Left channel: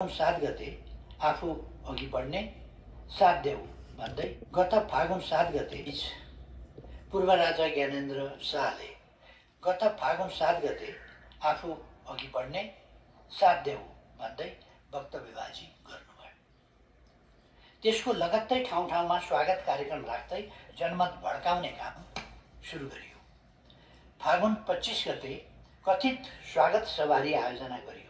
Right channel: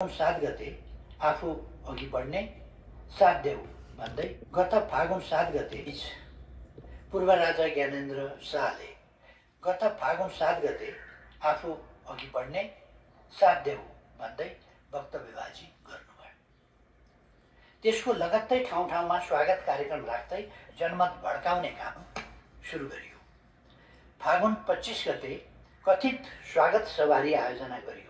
7 गते आफू अघि बढ्ने साथ देऊ भन्दै गत फागुन 7 गते पूर्व राजा ज्ञानेन्द्र शाहले आफू अघि बढ्ने साथ देऊ भन्दै वक्तव्यबाजी गर्नुभयो। त्यसको लगत्तै ठाउँ ठाउँमा स्वागत कार्यक्रम राख्दै जनमत भड्काउने काम सुरु गरियो। फागुन 25 गते कथित स्वागत सवारी आयोजना गरियो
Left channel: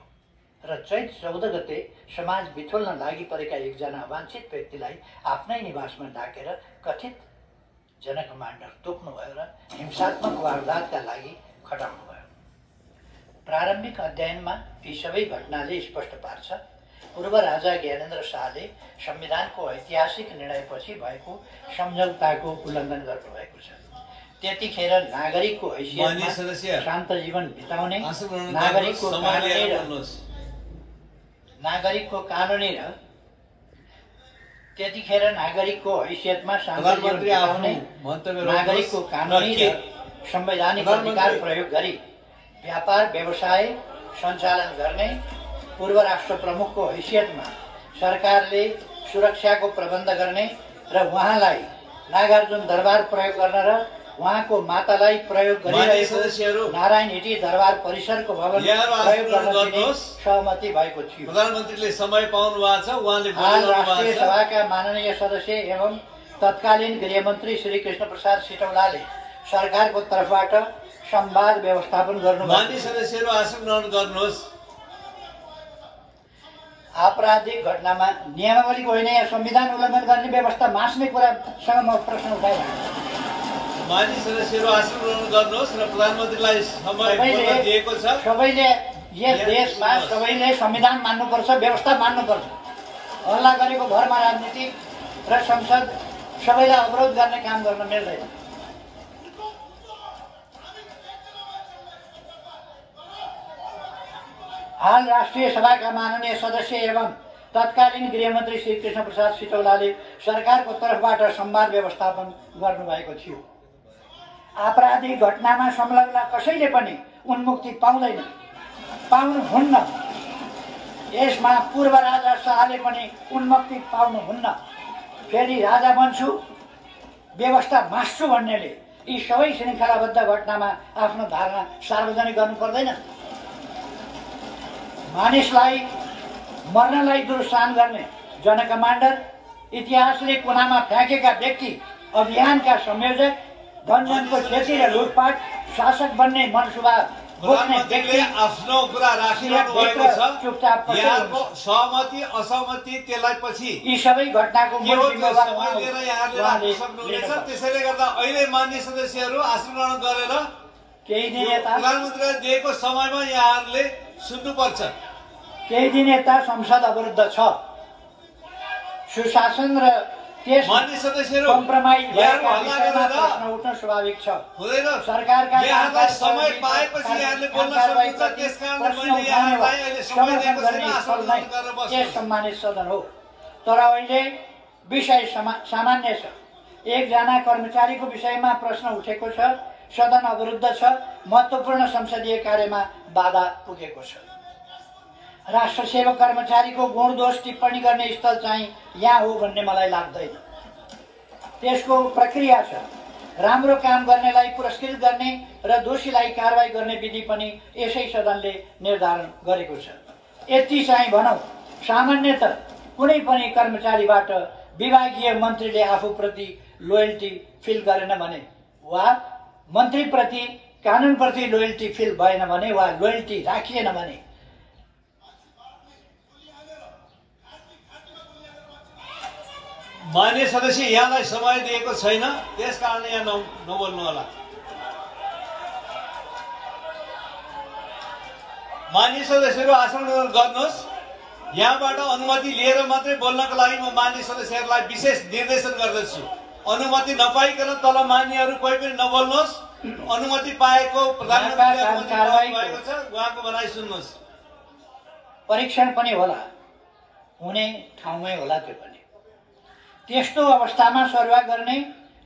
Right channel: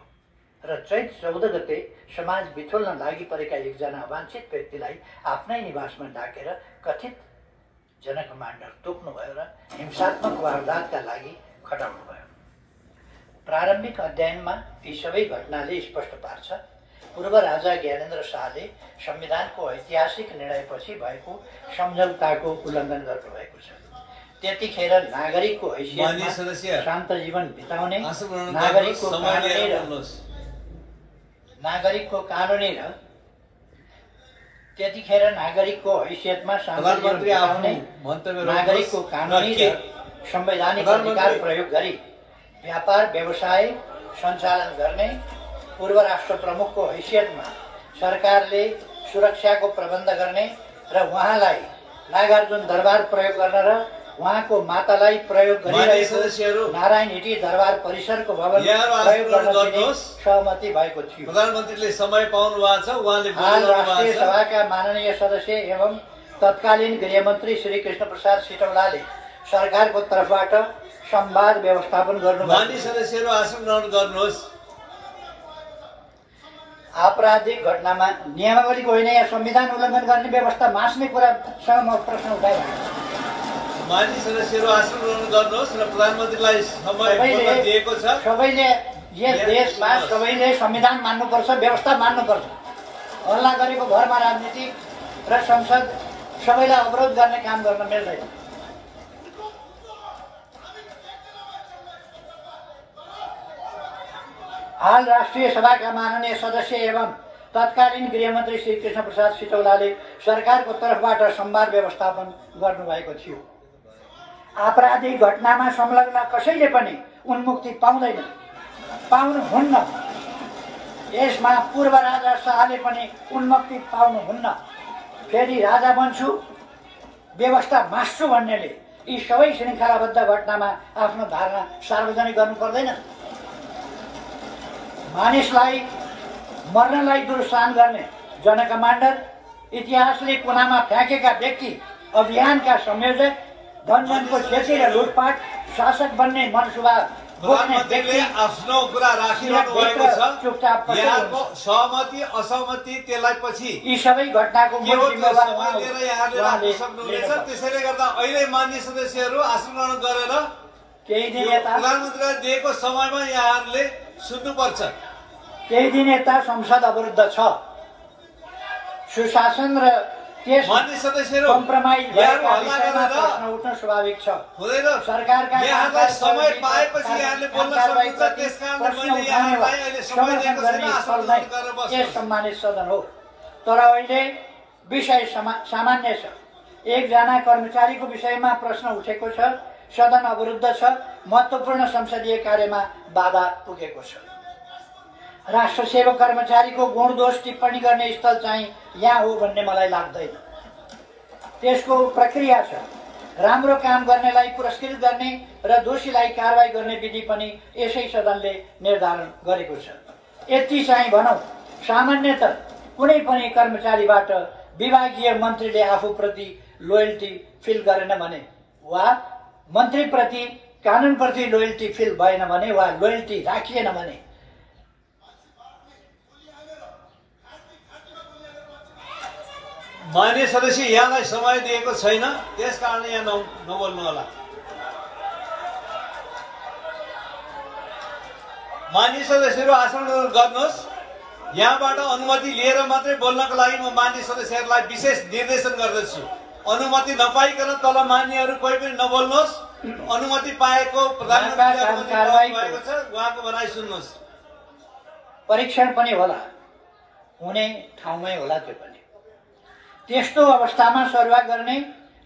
र चैत 14 गते समाज बिथोल्न लागि परेका एकजना अवाञ्छित व्यक्तिलाई आफ्नै निवासमा डाकेर कथित जनकमान्डर तोक्नुभयो र हिंसात्मक वारदातका लागि खटाउनुभयो। प्रारम्भिक अध्ययनमा यी सबै घटनाले स्पष्ट पार्छ पूर्व राजा ज्ञानेन्द्र शाहले संविधानको ऐतिहासिक निर्णयपछि भएको सम्झौताको उल्लङ्घन गर्नुभएको छ। त्यतिखेर नागरिकको हैसियतमा शान्त जीवन बिताउने नागरिकको कानुनी र संवैधानिक अधिकार प्रयोग गरी व्यापार व्यवसाय सञ्चालन गर्ने पूर्व राष्ट्र प्रमुखको हैसियतमा सरकारले सुरक्षाको प्रबन्ध गर्ने र उहाँलाई नागार्जुन दरबार प्रयोग गर्न र उहाँको मातालाई प्रयोग गरिरहेको नारायण हिटी दरबार परिसरको भवन प्रयोग गर्न सहमति भएको थियो। प्रधानमन्त्रीले समय पाउनु भएको छ। उहाँले राष्ट्रिय सभाका माननीय सदस्य एवं तत्कालीन गृहमन्त्री श्री कृष्ण प्रसाद सिटौलाले सरकारको तर्फबाट संवाद व्यवस्थापन गर्नुभयो। माननीय सदस्यहरू आसन ग्रहण गर्नुहोस्। आपराधिक घटनामा नियमावलीको होइन या संविधान उल्लङ्घन गर्ने व्यवस्था मास्ने कुरासँग म प्रश्न उठाइरहेको। माननीय सदस्यहरू आसन ग्रहण गर्नुहोस् र प्रधानमन्त्रीलाई समय दिएको छ। सबैले यस देशमा सबैले संविधान मान्नुपर्छ, व्यवस्था मान्नुपर्छ। हल्ला गरेको भरमा राजनीति र संसद सबैलाई अवरोध गर्ने काम गर्न मिल्दैन। हाल राष्ट्रिय सभाका माननीय सदस्य एवं तत्कालीन गृहमन्त्री श्री कृष्ण प्रसाद सिटौलाले सरकारको तर्फबाट संवाद व्यवस्थापन गर्नुभएको थियो। आपराधिक घटनामा संलग्न कसैले पनि उन्मुक्ति पाउनुहुन्न। यसमा पूर्व राजा शाहले पनि उन्मुक्ति पाउनुहुन्न। फेरि राजा बन्छु व्यवस्था मास्छु भन्नेले यी सबै श्रृङ्खलाबद्ध घटनामा आफ्नो धारणा सार्वजनिक गर्नु पर्दैन। मानिसलाई मर्नलाई दुर्सान गर्ने जनकमान्डर, इतिहासले कुनामा फ्याँकेका व्यक्ति, अभियानका संयोजक, धनजनको क्षति र लुटपाट, शासक बन्ने मनसुबा बोक्ने व्यक्ति आफ्नो कुरा राखिरहनु भएको छ। यहाँको सहमति असहमति त्यसलाई पछि यी सबै घटनाको त्यसैले गर्दा अहिले मान्य सदस्यहरू आसन ग्रहण गरेर केही दिन यता प्रधानमन्त्रीले दिएको समयमा यहाँहरूले सुन्नुपर्छ। केही दिन यता संसद अवरुद्ध छ। सुशासन र त्यस मान्य सदस्यहरू कम्प्रोमाइज भएका विषयमा प्रश्न उठ्न स्वाभाविक छ। सरकारका यहाँलाई समय पाएपछि यहाँले बोल्न सक्नुहुन्छ। त्यसकारण मैले यहाँलाई अहिले समय दिएको छैन। आसन ग्रहण गरेर बस्नु। यस सम्मानित सदन हो, तर अहिले विषय सामान्य छ। एकजना कर्मचारीको विषयमा प्रश्न उठेको छ। सदन अवरुद्ध छ। महत्त्वपूर्ण संसदीय कार्यमा बाधा पुगेको छ। राष्ट्र सेवक कर्मचारीको गुण दोष टिप्पणी गर्ने स्थल चाहिँ यहाँ हो भन्ने मलाई लाग्दैन। त्यसको प्रक्रिया छ। राम्रो काम गर्नेलाई पुरस्कृत गर्ने र दोषीलाई कारवाही गर्ने विधि पनि यसै सदनले निर्धारण गरेको छ। यति चाहिँ भनौँ, सामान्यतः कुनै पनि कर्मचारीबाट विभागीय मन्त्रीले आफूप्रति लोयल्टी फिल गरेन भने वा मन्त्रीप्रति कानुनप्रति लोयल्टी फिल भएन भने वा लोयल्टी राखिएन भने मान्य सदस्य यहाँलाई समय दिएको छैन। त्यसकारण यहाँ नबोल्नु होला। मान्य सदस्यहरू आसन ग्रहण गर्नुहोस्। यहाँबाट अनुमति लिएर मात्रै बोल्नको लागि म मान्य सदस्यहरूलाई विशेष निर्देशन गर्दछु। अनुमति नपाइकन तल मान्यहरू कोही पनि नबोल्नुहोस्। अनुमति पाएको प्रधानमन्त्रीले छ, उहाँको भनाइ सुन्नुहोस्। परीक्षण पनि होला, हुने ठाउँमै होला। त्यो पनि त्यस्तो अवस्थामा सरुवा गर्ने,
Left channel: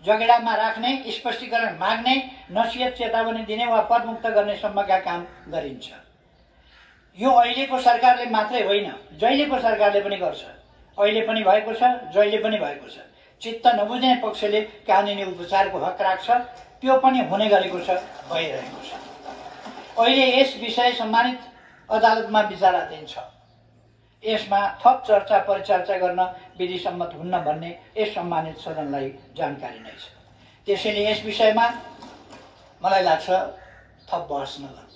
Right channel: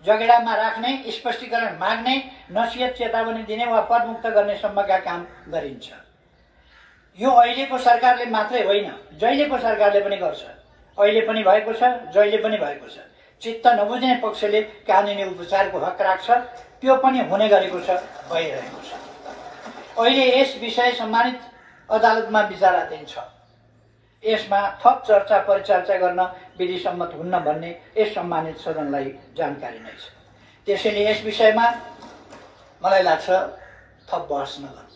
जगेडामा राख्ने, स्पष्टीकरण माग्ने, नसिहत चेतावनी दिने वा पदमुक्त गर्ने सम्मका काम गरिन्छ। यो अहिलेको सरकारले मात्रै होइन, जहिलेको सरकारले पनि गर्छ। अहिले पनि भएको छ, जहिले पनि भएको छ। चित्त नबुझ्ने पक्षले कानुनी उपचारको हक राख्छ, त्यो पनि हुने गरेको छ, भइरहेको छ। अहिले यस विषय सम्मानित अदालतमा विचाराधीन छ। यसमा थप चर्चा परिचर्चा गर्न विधि सम्मत हुन्न भन्ने यस सम्मानित सदनलाई जानकारी नै छ। त्यसैले यस विषयमा मलाई लाग्छ थप बहस नगरौँ।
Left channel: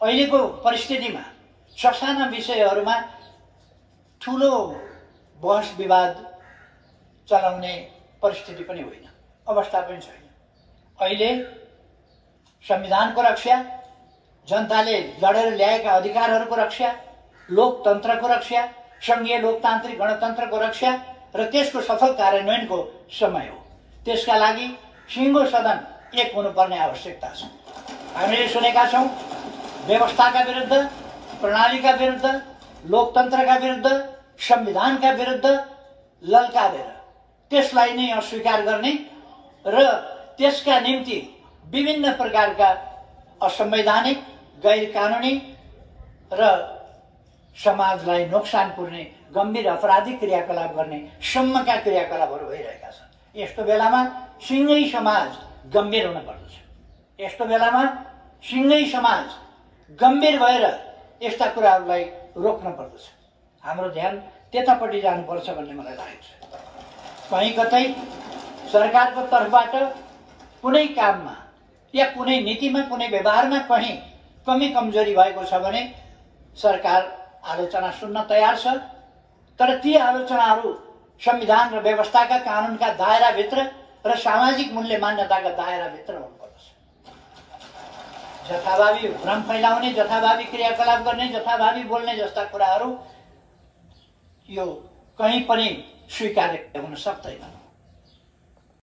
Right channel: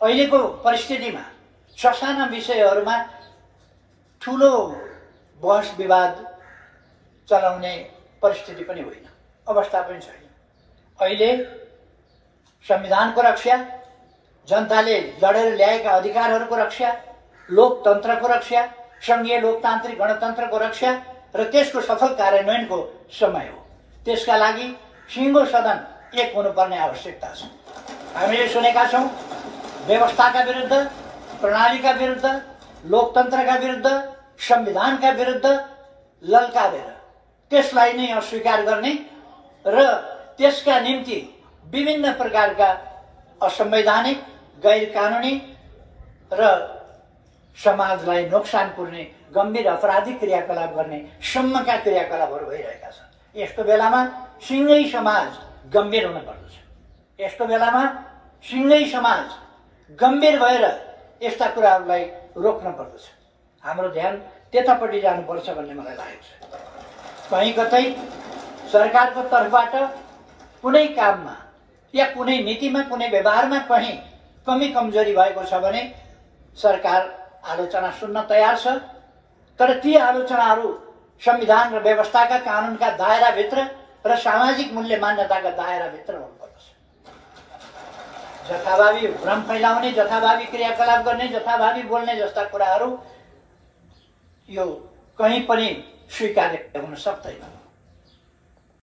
अहिलेको परिस्थितिमा ससाना विषयहरूमा ठुलो बहस विवाद चलाउने परिस्थिति पनि होइन, अवस्था पनि छैन। अहिले संविधानको रक्षा, जनताले लडेर ल्याएका अधिकारहरूको रक्षा, लोकतन्त्रको रक्षा, संघीय लोकतान्त्रिक गणतन्त्रको रक्षा र त्यसको सफल कार्यान्वयनको समय हो। त्यसका लागि सिङ्गो सदन एक हुनुपर्ने आवश्यकता छ। हामीले सुनेका छौँ व्यवस्थाका विरुद्ध, प्रणालीका विरुद्ध, लोकतन्त्रका विरुद्ध, संविधानका विरुद्ध ललकारेर त्यसलाई नै अस्वीकार गर्ने र त्यसका निम्ति विभिन्न प्रकारका असंवैधानिक, गैर कानुनी र समाजलाई नोक्सान पुर्ने गम्भीर अपराधिक क्रियाकलाप गर्ने सम्मका क्रियाकलापहरू भइरहेका छन्। यस्तो बेलामा सिङ्गै समाज गम्भीर हुन पर्दछ। यस्तो बेलामा सिङ्गै समाज गम्भीर भएर यस्ता कुराहरूलाई रोक्न पर्दछ। हाम्रो ध्यान त्यतापट्टि जानुपर्छ भन्ने मलाई लागेको छ। कहीँ कतै सरकारको तर्फबाट कुनै काममा या कुनै नीतिमा, कुनै व्यवहारमा कहीँ कमी कमजोरी भएको छ भने सरकार आलोचना सुन्न तयार छ, तर ती आलोचनाहरू संविधान र व्यवस्थाका कानुनका दायराभित्र र सामाजिक मूल्य मान्यताका दायराभित्र हुनुपर्दछ। जथाभावी भ्रम फैलाउने, जथाभावी क्रियाकलाप गर्ने, जथाभावी बोल्ने जस्ता कुराहरू यो कहीँ पनि स्वीकार्य हुन सक्दैन।